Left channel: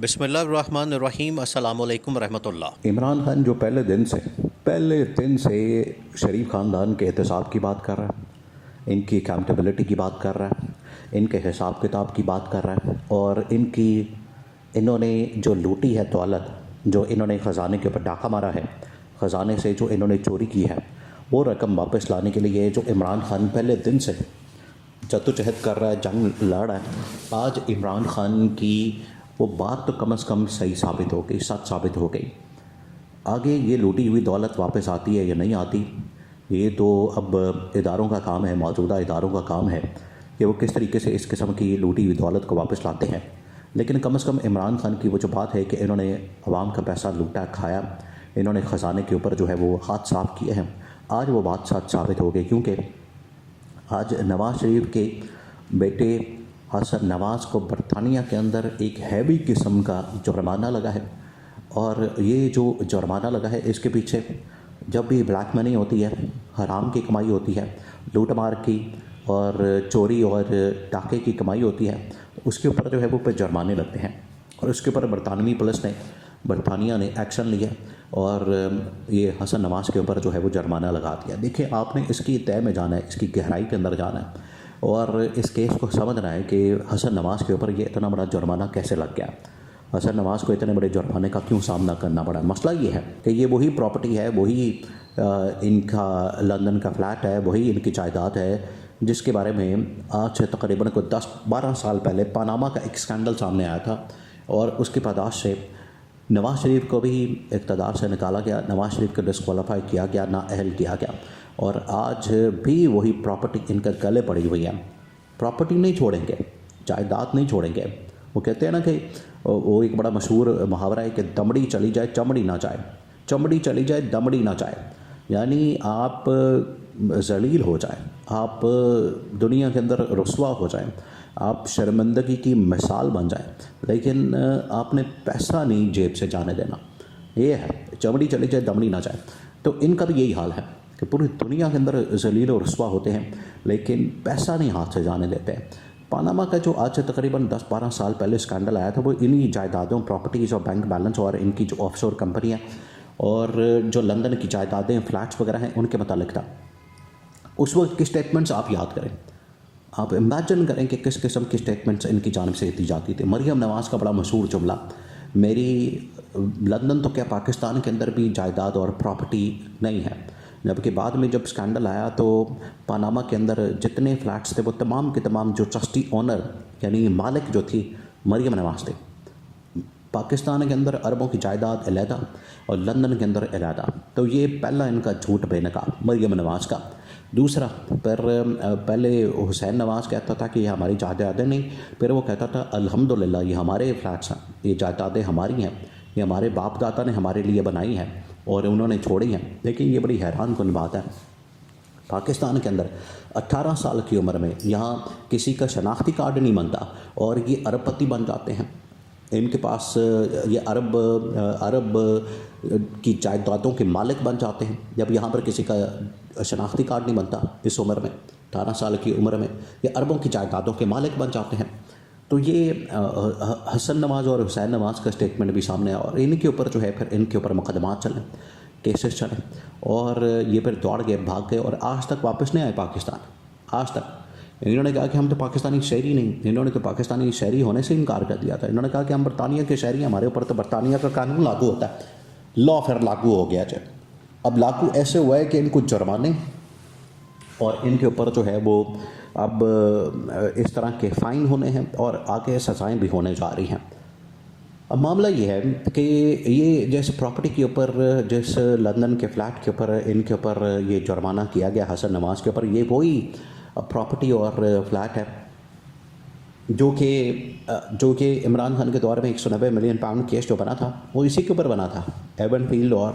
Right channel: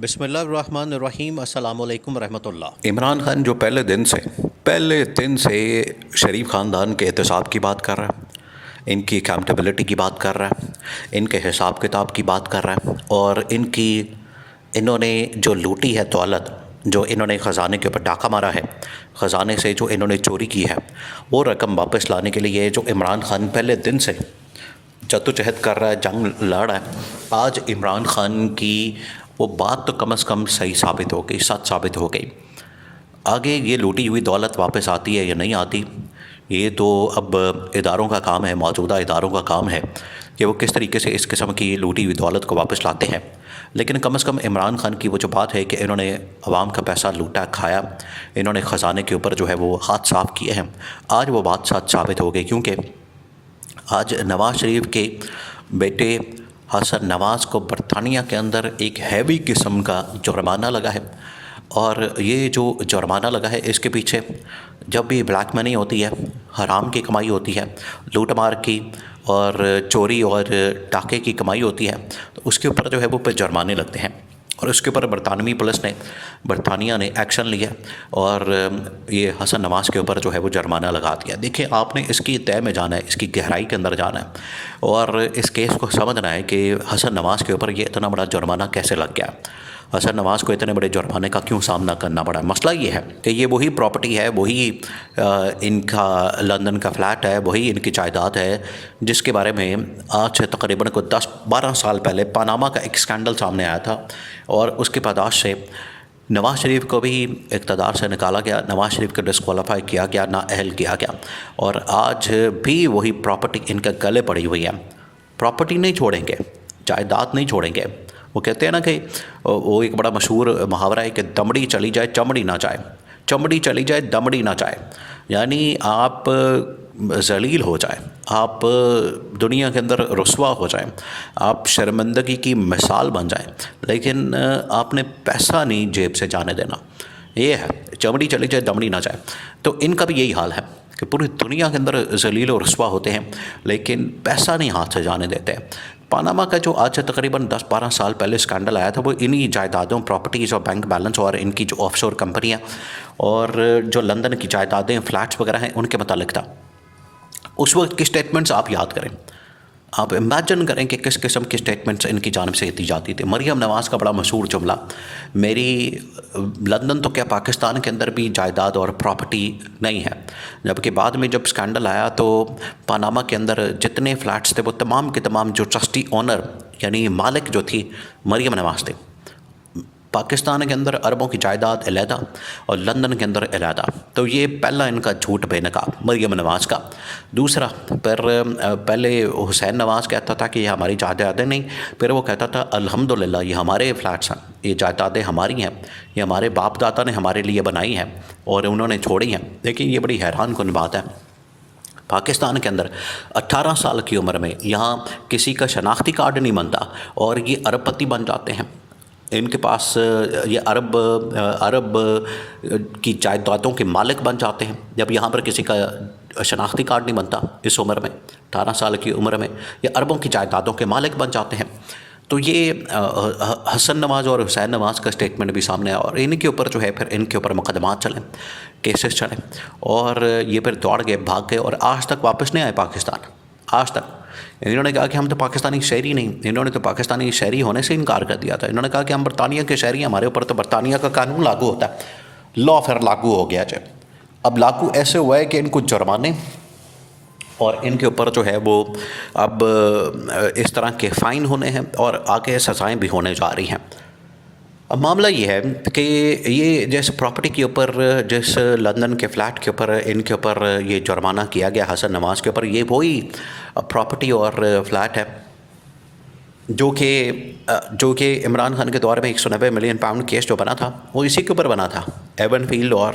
बिस्मिल्लाहिर्रहमानिर्रहीम अस्सलामु अलैकुम रहमतुल्लाह। इमरान खान जो पहले दिन से शरीफ ख़ानदान के एहतसाब की बात कर रहा है, इनकी अकाउंटेबिलिटी की बात कर रहा है, इनके हिसाब किताब की बात कर रहा है और इन्होंने जो लूटी है दौलत, जो इन्होंने ख़जाने के ऊपर डाका मारा है, ख़जाने से जो इन्होंने चोरी की है, वो रकम वापस लाने के लिए जो इमरान खान पहले दिन से जद्दोजहद कर रहा है, जंग लड़ रहा है। आज इमरान खान की वो बात तो कम से कम सही साबित हो गई, सच साबित हो गई। आगे ये लूटी हुई दौलत वापस आती है या नहीं आती, ये तो अब इदारों का काम है, मौजूदा इदारों का काम है कि वो किस तरीके से इस किस्म की लूटी हुई दौलत को वापस लाते हैं। लेकिन कम से कम इमरान खान की वो जो बात है कि इन्होंने अवाम का पैसा लूटा खाया, इन्होंने ख़जाने के ऊपर जो है वो हाथ साफ़ किए हैं, आज वो बात सच साबित हो गई। क्योंकि आज नवाज़ शरीफ के बेटे हसन नवाज़ को बरतानिया के अंदर एक हैवी किस्म का जुर्माना लगा है। और ये जो जुर्माना लगा है, इसके पीछे जब भी ब्लैक मनी होती है, हराम की कमाई होती है, लूट मार की और चोरी और डाके की कमाई होती है, तो उसके ऊपर जो है वो पे जुर्माने लगते हैं। और उसके ऊपर बरतानिया ने एक्शन लिया और ये हसन नवाज़ के ऊपर जो है वो जुर्माना लगा दिया। देखिए, आपने इसकी तय में जाना है, इसकी गहराई के अंदर जाना है और इस केस को समझना है कि हसन नवाज़ के ऊपर ये इतना बड़ा जुर्माना कैसे लग गया, हसन नवाज़ को इतने बड़े जुर्माने का क्यों सामना करना पड़ा। मसला ये है कि ये वही प्रॉपर्टी है, वही इनका लंदन का फ्लैट है, वही इनकी जायदाद है जिसके बारे में आज से तकरीबन को 10-12 साल पहले पनामा का एक स्कैंडल सामने आया था और उसके पादाश से नवाज़ शरीफ को भी इक़्तिदार से निकाला गया, नवाज़ शरीफ को डिस्क्वालीफाई किया गया, नाअहल किया गया और आज भी वही प्रॉपर्टी इनके गले पड़ी हुई है। प्रॉपर्टी नहीं छोड़ेंगे, जायदाद नहीं छोड़ेंगे। वो कहते हैं ना कि वो एक बड़ा मशहूर मुहावरा है कि दमड़ी चली जाए चमड़ी ना जाए, चमड़ी चली जाए दमड़ी ना जाए। यानी आप ज़लील हो जाए, आप दुनिया के अंदर रुस्वा हो जाए, आप शर्मिंदगी की मिसाल बन जाए, लेकिन आपने पैसा नहीं जेब से जाने देना। ये है, चमड़ी चली जाए दमड़ी ना जाए। तो इनका भी यही हाल है कि पूरी दुनिया के अंदर ज़लील और रुस्वा होते हैं लेकिन पैसा नहीं हाथ से जाने देते। पनामा का जो आज से तकरीबन 10-12 साल पहले स्कैंडल आया था, वो इन्हीं जायदादों, प्रॉपर्टीज़ और बैंक बैलेंस और इनकी जो ऑफशोर कंपनियां और जो लंदन की जायदादें, फ्लैट्स वगैरह हैं, उनके मुतालिक था। उस वक्त की स्टेटमेंट्स आप याद करें, आप इमेजिन करें कि किस किस्म की स्टेटमेंट्स इनकी जानिब से दी जाती थी। मरियम नवाज़ का बड़ा मशहूर जुमला, मेरी लंदन तो क्या पाकिस्तान के अंदर भी जायदाद और प्रॉपर्टी नहीं है। जबकि बाद में जब स्कैंडल आया तो पनामा के अंदर जितने फ्लैट्स थे वो तमाम के तमाम जो ट्रस्टी ओनर यानी मालिक जो थी मरियम नवाज़ थे। पाकिस्तान के अंदर अरबों की जायदाद अलहदा और लंदन के अंदर अलहदा। तो ये पहला इनका झूठ बेनकाब मरियम नवाज़ का। दूसरा, पर पहले हुसैन नवाज़ कहता था कि ये हमारी जायदादें नहीं, फिर वो कहता था अल्हम्दुलिल्लाह ये हमारे फ्लैट्स हैं, ये जायदादें हमारी हैं, ये हमारे बाप दादा ने हमारे लिए बनाई हैं और उन्होंने छोड़ी हैं। देखिए, ये बड़ी हैरान कुन बात है। पाकिस्तान के अंदर 18 साल की उम्र में यहाँ किसी का शनाख्ती कार्ड नहीं बनता और ये अरबपति बन जाते हैं। इनके पास ये अरब की जायदादों के मालिक बन जाते हैं जब यहाँ पर किसी का शनाख्ती कार्ड नहीं बनता। इस उम्र में 18 साल की उम्र में ये अरबों की जायदादों के मालिक बन जाते हैं। तो ये हसन नवाज़ और हुसैन नवाज़ का स्टेटमेंट भी सामने आया और इनके ऊपर जो है फिर इनके ऊपर मुकदमात चले, केसेस चले और ये फिर दौड़ गए, भाग गए और आज तक वापस नहीं आए पाकिस्तान। आज तक इन्होंने कहा कि हम तो पाकिस्तानी शहरी नहीं, इन्होंने तो पाकिस्तानी शहरी होने से इनकार कर दिया था। इन्होंने कहा कि हम बरतानिया के शहरी हैं, हमारे ऊपर तो बरतानिया का कानून लागू होता है। लॉ फिर लागू हो गया जब, अब लागू ऐसे हुआ है कि इनको जुर्माने और इनके ऊपर जो है वो अब इस तरह के फ़ाइन होने हैं और आगे सज़ाएँ भी होने जा रही हैं। अब मामला ये है कि ये जिस प्रॉपर्टी के ऊपर, जिस लंदन के फ़्लैट के ऊपर इनके ऊपर ये जुर्माना किया गया हसन नवाज़ के ऊपर, ये वही प्रॉपर्टी और फ्लैट है जो कि इमरान खान के दौर में 190 मिलियन पाउंड केस जो बना था वो इसी के ऊपर बना था। एवनफील्ड और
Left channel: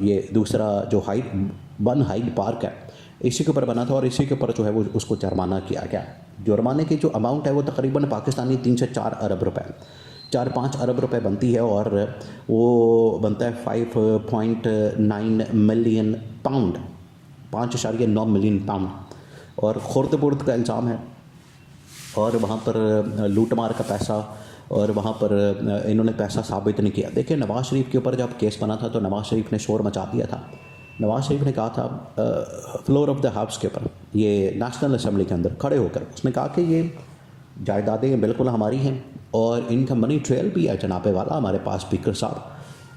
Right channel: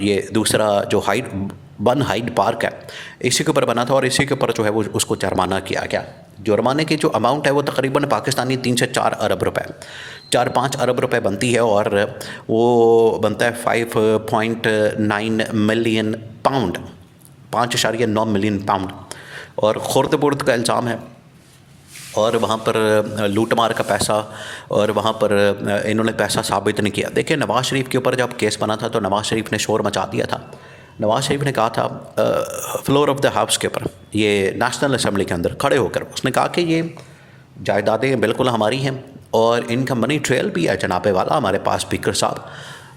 ये दूसरा जो हाइड पार्क है, इसी के ऊपर बना था और इसी के ऊपर जो है वो उसको जुर्माना किया गया। जुर्माने की जो अमाउंट है वो तकरीबन पाकिस्तानी 3 से 4 अरब रुपए, 4-5 अरब रुपए बनती है और वो बनता है 5.9 मिलियन पाउंड, 5.9 मिलियन पाउंड। और खुर्द बुर्द का इल्ज़ाम है और वहाँ पर लूट मार का पैसा और वहाँ पर इन्होंने पैसा साबित नहीं किया। देखिए, नवाज़ शरीफ के ऊपर जब केस बना था तो नवाज़ शरीफ ने शोर मचा दिया था। नवाज़ शरीफ ने कहा था फ्लोर ऑफ द हाउस के ऊपर, ये नेशनल असेंबली के अंदर खड़े होकर, उसने कहा कि ये जायदादें बिल्कुल हमारी हैं और इनका मनी ट्रेल भी है जनाबे वाला हमारे पास, स्पीकर साहब।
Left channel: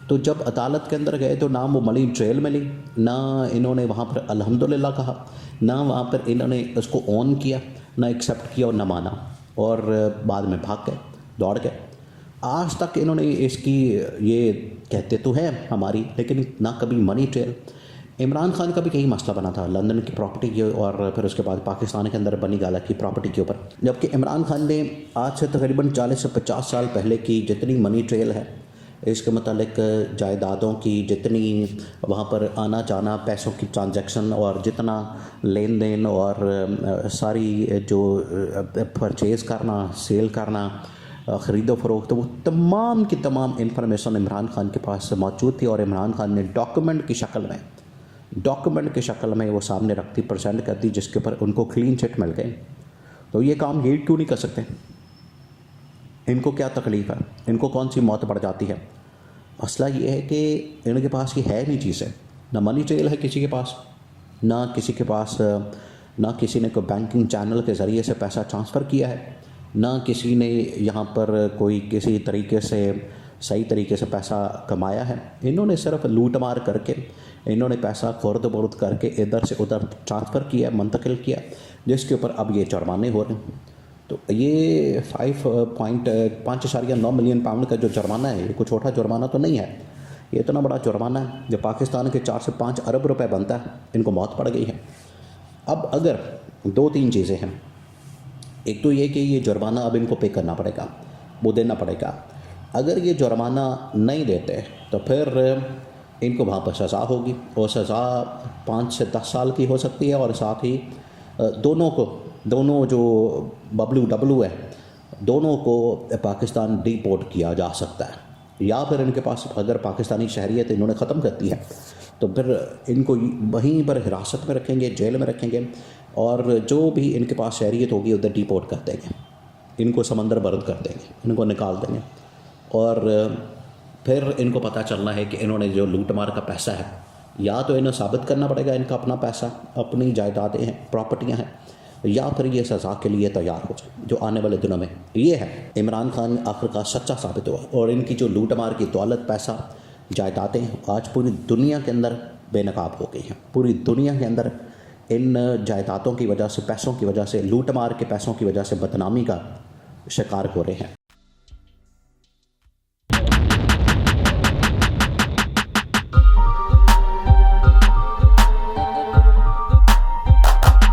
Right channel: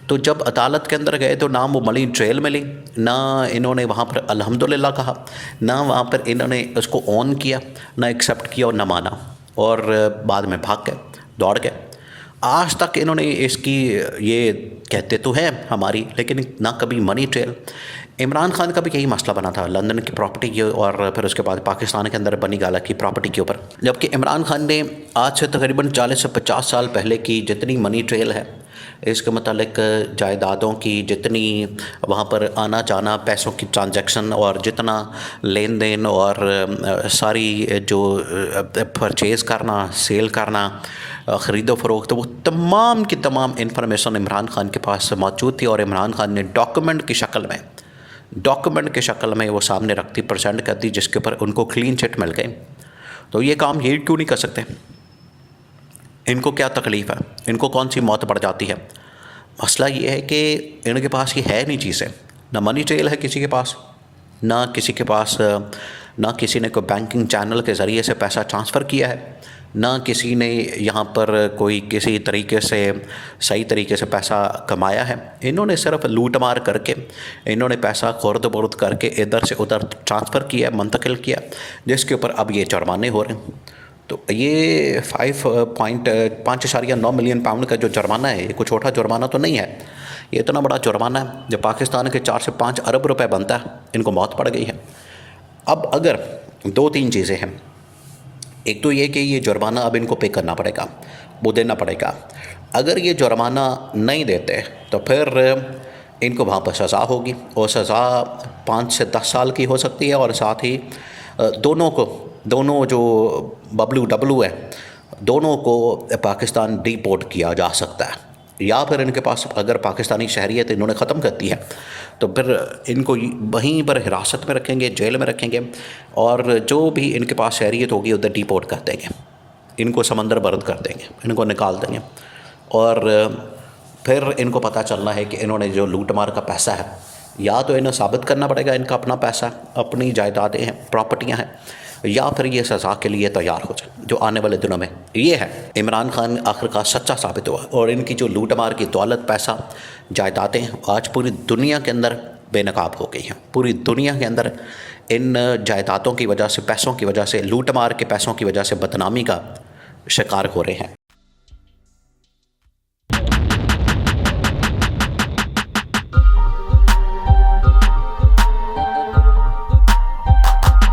तो जब अदालत के अंदर गए तो ना वो मनी ट्रेल मिली, ना इन्होंने वहाँ पर अल्हम्दुलिल्लाह कहा, ना वहाँ पर इन्होंने उसको ऑन किया, ना एक्सेप्ट किया और ना माना, और बाद में भाग गए, दौड़ गए। आज तक इन्होंने इसकी, ये कहते तो हैं हमारी, लेकिन ना कभी मनी ट्रेल। इमरान खान का भी यही मसला बना था लंदन की प्रॉपर्टी की, और फिर उसके बाद पाकिस्तान के अंदर बनी गाला की प्रॉपर्टी के ऊपर। जबकि इमरान खान ने आज से तकरीबन 40 से 50 साल पहले की जितनी मनी ट्रेल है, इसके मतलब जायदादों की जितनी वहाँ पर आना जाना, पैसों की ट्रांजैक्शन और जितना लेन देन और सारी जो परचेज़ करना, सेल करना, ख़रीदो फरोख्त, वो तमाम की तमाम इंफॉर्मेशन इमरान खान के पास मौजूद थी। और इमरान खान ने डॉक्यूमेंट की शक्ल में वो सामने रखती, प्रेजेंट करती, जिसके ऊपर उनको क्लीन चिट मिल गई। तो ये काम ये क्यों नहीं कर सकते? इनको क्या तकलीफ़ है? इनको कौन सी मौत पड़ जाती है? मसला ये है कि इनके पास ये है नहीं चीज़ें, ना मनी ट्रेल है किसी के पास, ना किसी के पास, ना किसी ने कोई बैंकिंग चैनल के ज़रिए से पैसा ट्रांसफ़र किया है, ना किसी ने यहाँ पर कोई किसी तरीके से सही तरीके से पैसा कमाया है। इन्होंने सिर्फ लूट मार करके, इन्होंने पैसा खुर्द बुर्द करके इधर से उधर ट्रांसफ़र किया, मुंतकिल किया, जिसके ऊपर अब ये जुर्माने हो रहे हैं। तो ये 5.9 मिलियन पाउंड का जो जुर्माना है, ये कोई छोटा जुर्माना तो नहीं है। ये इतना बड़ा जुर्माना है जो पाकिस्तान के 4 से 5 अरब रुपए बनता है, इनको मौत पड़ गई है। अब अगर 2-3 चीज़ें हैं, एक तो ये कि ये जुर्माना अब इनको पे करना पड़ेगा, वो देना पड़ेगा। अगर ये जुर्माना नहीं देते तो फिर इनको वहाँ पर सज़ा होगी, और सज़ा 5 से 10 साल की हो सकती है, और साथ ही दोनों जो बबलू है, दोनों को पाकिस्तान डिपोर्ट किया जा सकता है। या फिर इनके पास अगर पाकिस्तानी शहरियत इन्होंने ख़त्म कर दी है तो फिर इनको वहीं पर हिरासत में रखेंगे, जेल में रखेंगे, और जो भी इनके पास शहरियत होगी उधर डिपोर्ट कर देंगे, इनको समंदर बर्द कर देंगे, इनको निकाल देंगे। और फिर इनको पता चलना है कि इन्होंने जो लूट मार का पैसा है, या तो इन्हें साबित करना पड़ेगा इनका अपना पैसा, अपनी जायदादें हैं, प्रॉपर्टियां हैं, या फिर ये सज़ा के लिए तैयार हो जाए जो आने वाले दिनों में ये है। इमरान खान आखिरकार सच्चा साबित हुआ, और इनकी जो लूट मार की दौलत, पैसा, जायदादें आज पूरी दुनिया के अंदर बेनकाब हो गई हैं। पूरी दुनिया के अंदर इन जायदादों की वजह से, पैसों की वजह से, लूट मार के पैसों की वजह से बदनामी का शिकार हो रहे हैं।